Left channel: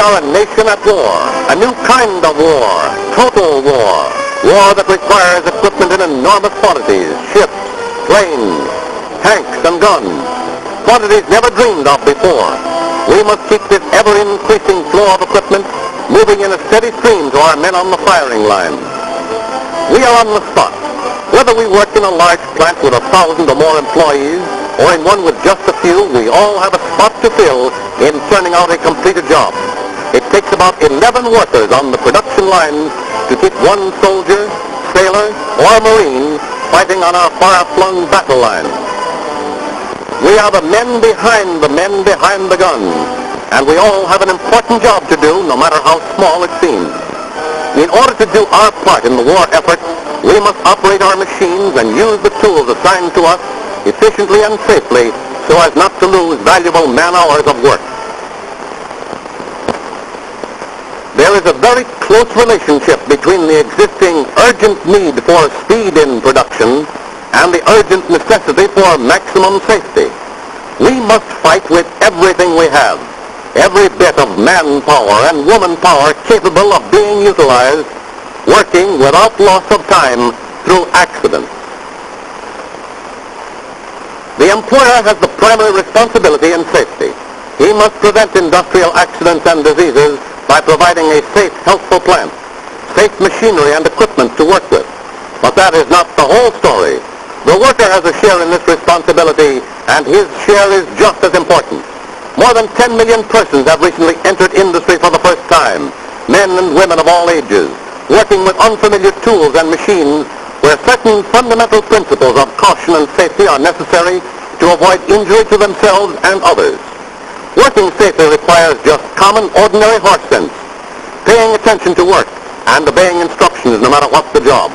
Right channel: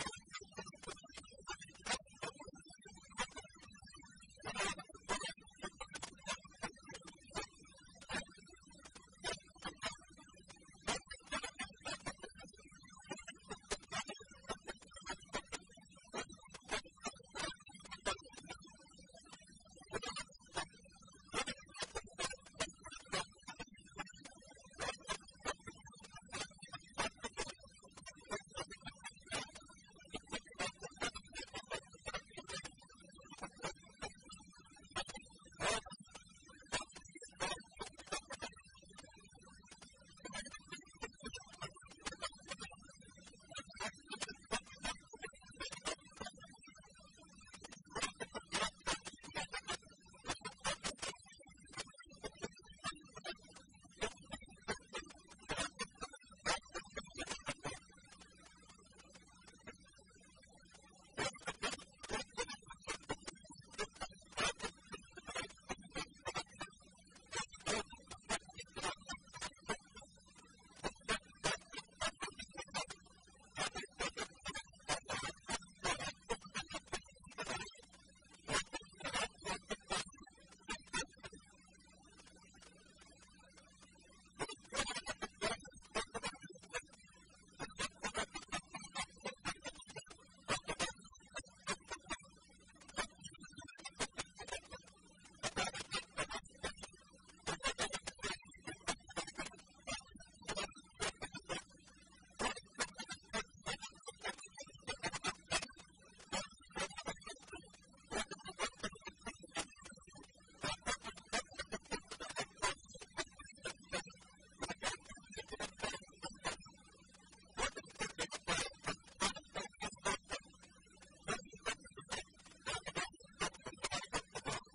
are a nation at war, a new kind of war, total war. War that requires equipment in enormous quantities, ships, planes, tanks, and guns. Quantities never dreamed of before. We must keep this ever-increasing flow of equipment moving in a steady stream to our men on the firing line. We are on the spot. Whether we work in a large plant with 1,000 or more employees, or in one with just a few, we all have a spot to fill in turning out a completed job. It takes about 11 workers on the production line to keep one soldier, sailor, or Marine fighting on our far-flung battle line. We are the men behind the guns, and we all have an important job to do, no matter how small it seems. In order to do our part in the war effort, we must operate our machines and use the tools assigned to us efficiently and safely so as not to lose valuable man-hours of work. There is a very close relationship between the existing urgent need for speed in production and the urgent necessity for maximum safety. We must fight with everything we have, every bit of manpower and woman power capable of being utilized, working without loss of time through accidents. The employer has the primary responsibility in safety. He must prevent industrial accidents and diseases by providing a safe, healthful plant, safe machinery and equipment to work with. But that is not the whole story. The worker has a share in this responsibility, and his share is just as important. More than 10 million persons have recently entered industry for the first time, men and women of all ages, working with unfamiliar tools and machines where certain fundamental principles of caution and safety are necessary to avoid injury to themselves and others. Working safely requires just common, ordinary horse sense, paying attention to work, and obeying instructions no matter what the job.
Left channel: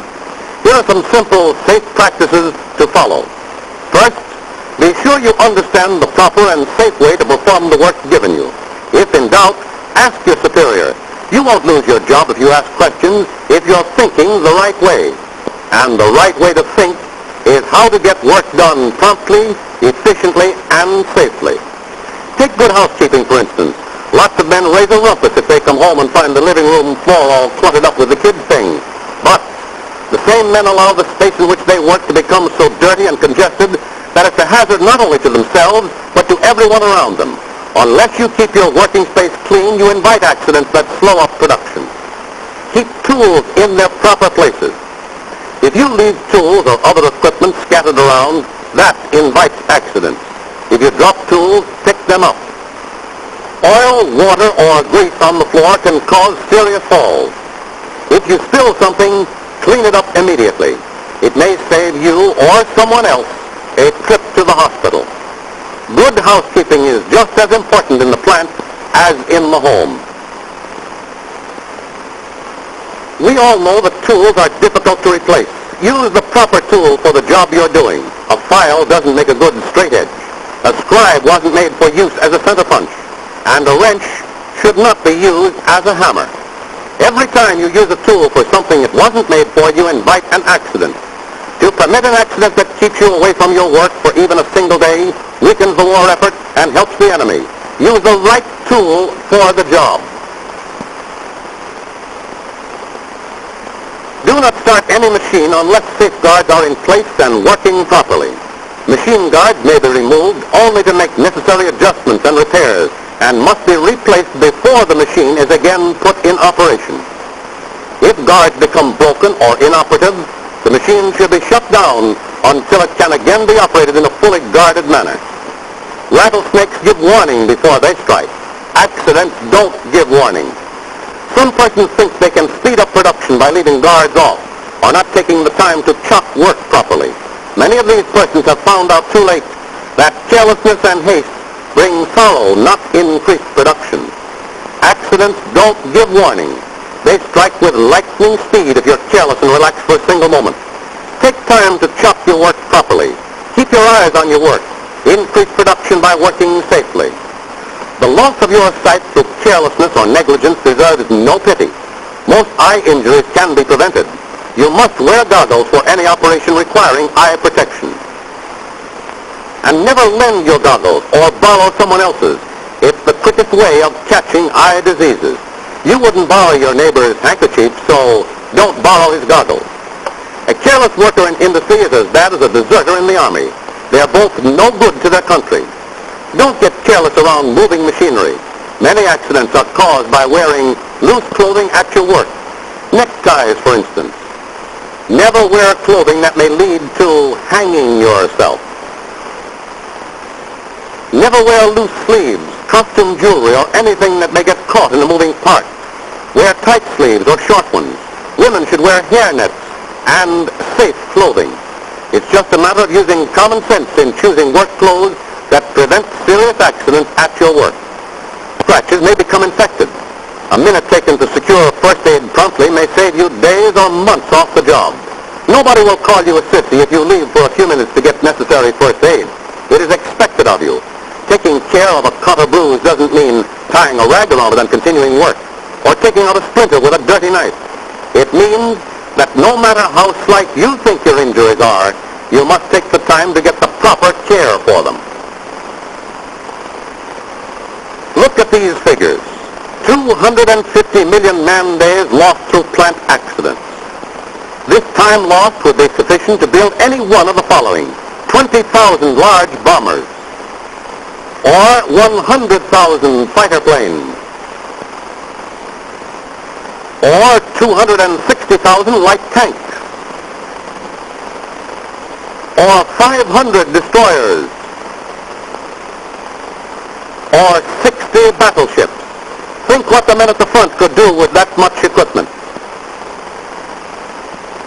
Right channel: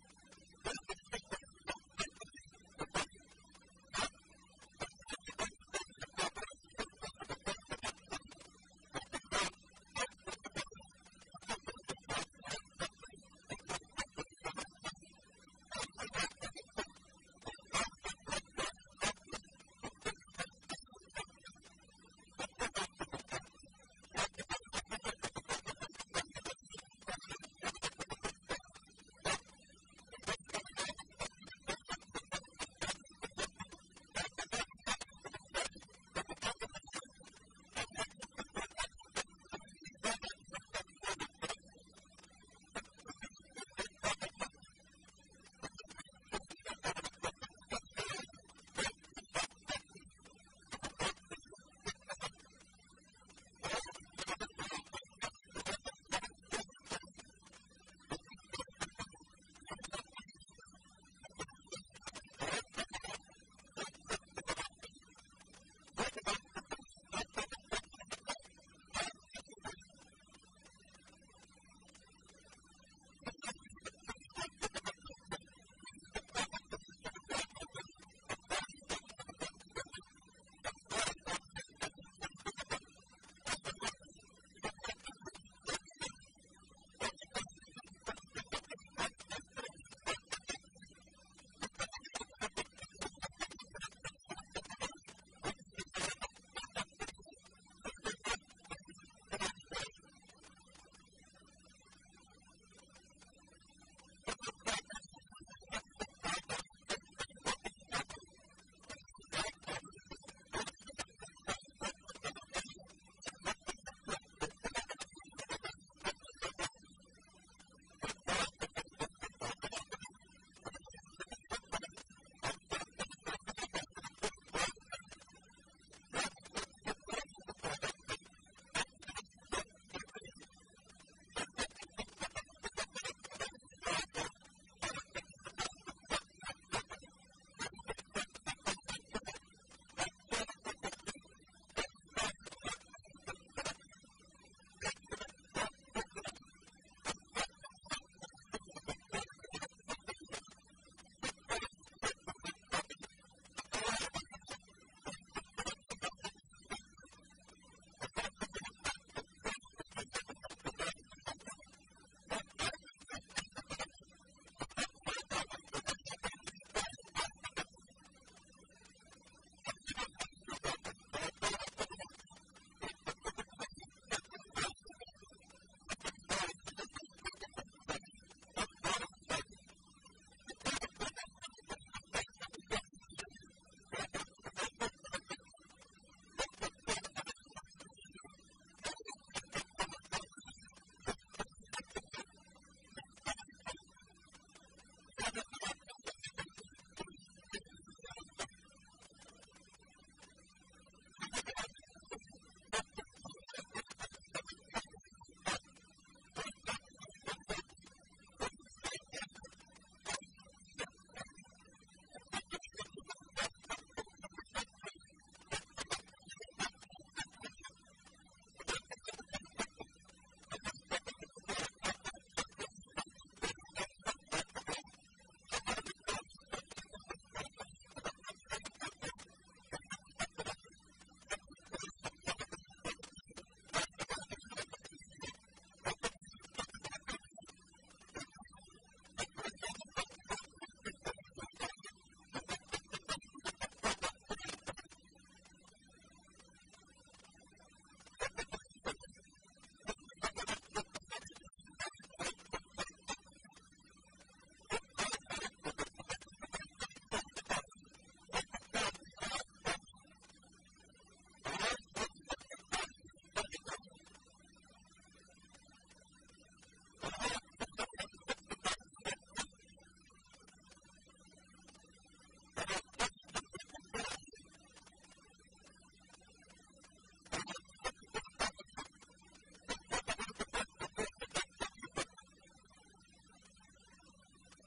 Here are some simple, safe practices to follow. First, be sure you understand the proper and safe way to perform the work given you. If in doubt, ask your superior. You won't lose your job if you ask questions if you're thinking the right way. And the right way to think is how to get work done promptly, efficiently, and safely. Take good housekeeping, for instance. Lots of men raise a rumpus if they come home and find the living room floor all cluttered up with the kids' things. But the same men allow the space in which they work to become so dirty and congested that it's a hazard not only to themselves, but to everyone around them. Unless you keep your working space clean, you invite accidents that slow up production. Keep tools in their proper places. If you leave tools or other equipment scattered around, that invites accidents. If you drop tools, pick them up. Oil, water, or grease on the floor can cause serious falls. If you spill something, clean it up immediately. It may save you or someone else a trip to the hospital. Good housekeeping is just as important in the plant as in the home. We all know that tools are difficult to replace. Use the proper tool for the job you're doing. A file doesn't make a good straight edge. A scribe wasn't made for use as a center punch. And a wrench should not be used as a hammer. Every time you use a tool for something it wasn't made for, you invite an accident. To permit an accident that keeps you away from your work for even a single day weakens the war effort and helps the enemy. Use the right tool for the job. Do not start any machine unless safeguards are in place and working properly. Machine guards may be removed only to make necessary adjustments and repairs and must be replaced before the machine is again put in operation. If guards become broken or inoperative, the machine should be shut down until it can again be operated in a fully guarded manner. Rattlesnakes give warning before they strike. Accidents don't give warning. Some persons think they can speed up production by leaving guards off or not taking the time to chock work properly. Many of these persons have found out too late that carelessness and haste bring sorrow, not increased production. Accidents don't give warning. They strike with lightning speed if you're careless and relaxed for a single moment. Take time to chop your work properly. Keep your eyes on your work. Increase production by working safely. The loss of your sight through carelessness or negligence deserves no pity. Most eye injuries can be prevented. You must wear goggles for any operation requiring eye protection. And never lend your goggles or borrow someone else's. It's the quickest way of catching eye diseases. You wouldn't borrow your neighbor's handkerchief, so don't borrow his goggles. A careless worker in industry is as bad as a deserter in the army. They are both no good to their country. Don't get careless around moving machinery. Many accidents are caused by wearing loose clothing at your work. Neckties, for instance. Never wear clothing that may lead to hanging yourself. Never wear loose sleeves, costume jewelry, or anything that may get caught in a moving part. Wear tight sleeves or short ones. Women should wear hairnets and safe clothing. It's just a matter of using common sense in choosing work clothes that prevent serious accidents at your work. Scratches may become infected. A minute taken to secure first aid promptly may save you days or months off the job. Nobody will call you a sissy if you leave for a few minutes to get necessary first aid. It is expected of you. Taking care of a cut or bruise doesn't mean tying a rag around it and continuing work, or taking out a splinter with a dirty knife. It means that no matter how slight you think your injuries are, you must take the time to get the proper care for them. Look at these figures. 250 million man-days lost through plant accidents. This time lost would be sufficient to build any one of the following: 20,000 large bombers, or 100,000 fighter planes, or 260,000 light tanks, or 500 destroyers, or 60 battleships. Think what the men at the front could do with that much equipment.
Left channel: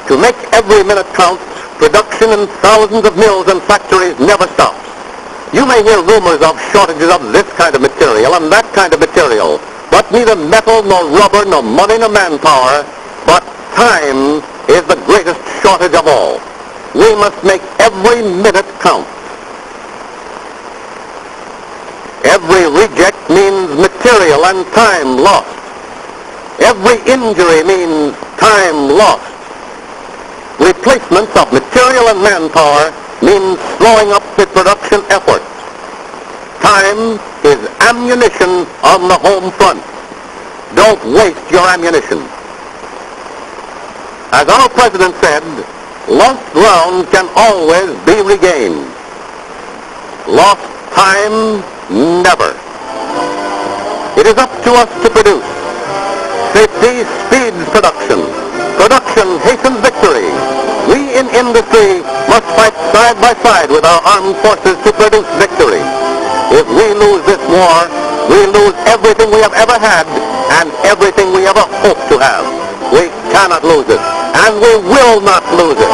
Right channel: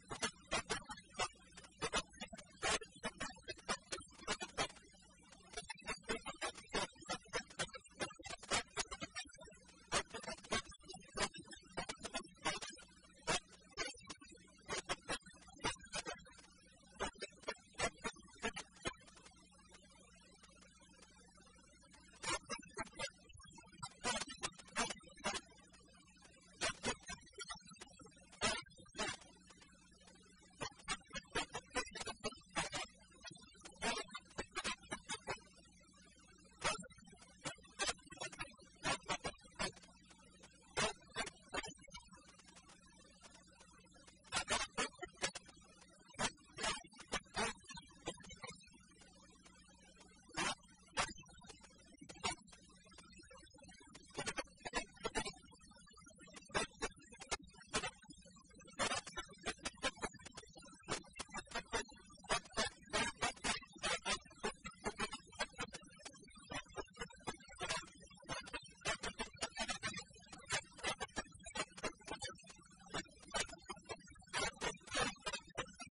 To make every minute count, production in thousands of mills and factories never stops. You may hear rumors of shortages of this kind of material and that kind of material, but neither metal nor rubber nor money nor manpower, but time is the greatest shortage of all. We must make every minute count. Every reject means material and time lost. Every injury means time lost. Replacements of material and manpower means slowing up the production effort. Time is ammunition on the home front. Don't waste your ammunition. As our president said, lost ground can always be regained. Lost time, never. It is up to us to produce. Safety speeds production. Production hastens victory. We in industry must fight side by side with our armed forces to produce victory. If we lose this war, we lose everything we have ever had and everything we ever hope to have. We cannot lose it, and we will not lose it.